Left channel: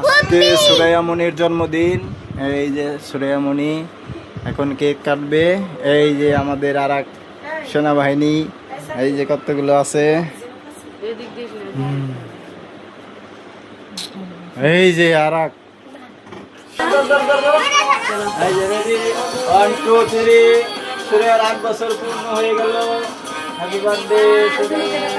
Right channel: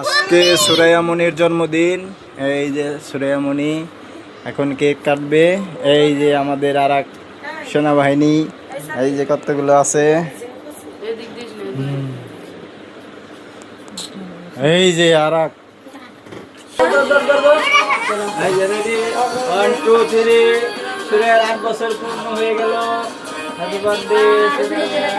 আজকে সুরাইয়া মনির জন্মদিন। এই যে সুরাইয়া মনি এখন কেক কাটবে। এই যে আমাদের আর এক সেনাবাহিনী, এই যে কতগুলো আছে, এই যে আর এক। সুরাইয়ার 8 বছর পূর্ণ হয়ে গেল। Happy birthday Suraiya.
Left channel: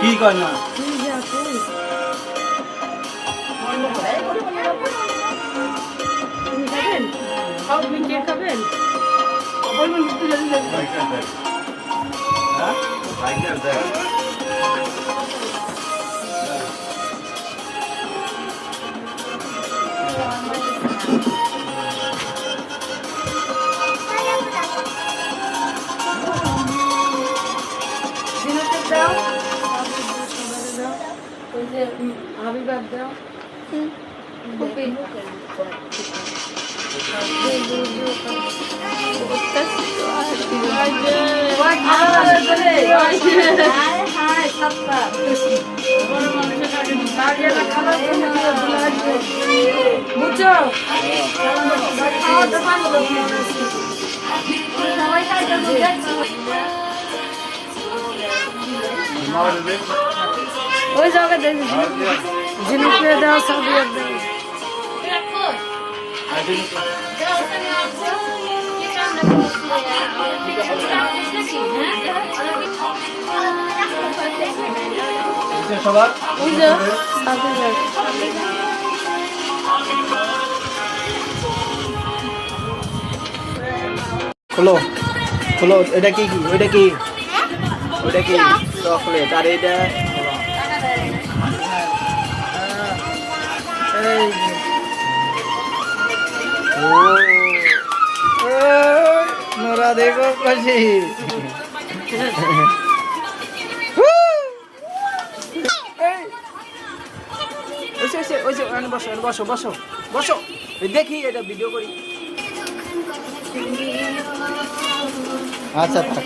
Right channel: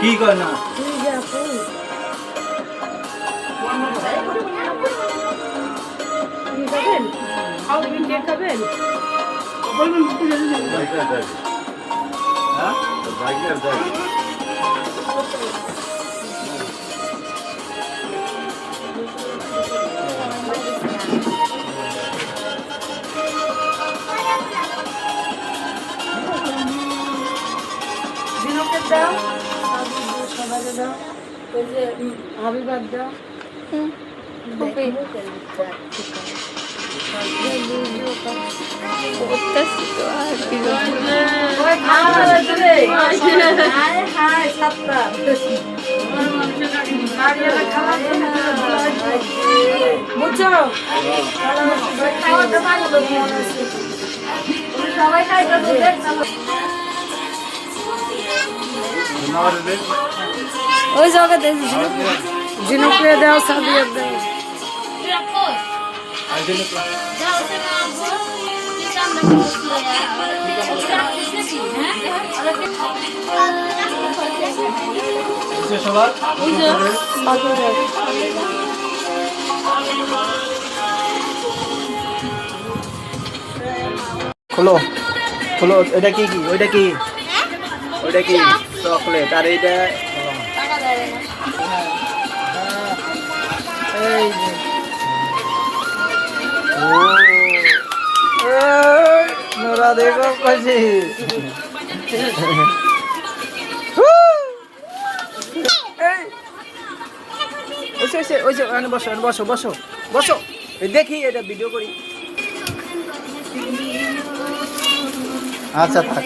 কি কয় না খাবেন? হাবিবার দাও। ওই জায়গা দেখি জিনুকে দাও, সাবিয়া দাও। খোলো খোলো, এটা কি কি ওইটা কি ওইটা কি চকলেট, আর এইটা নোরা দেখো কাছে। বসো বসো বসো বসো, দেখি এটা ভিডিও করি। আচ্ছা থাক।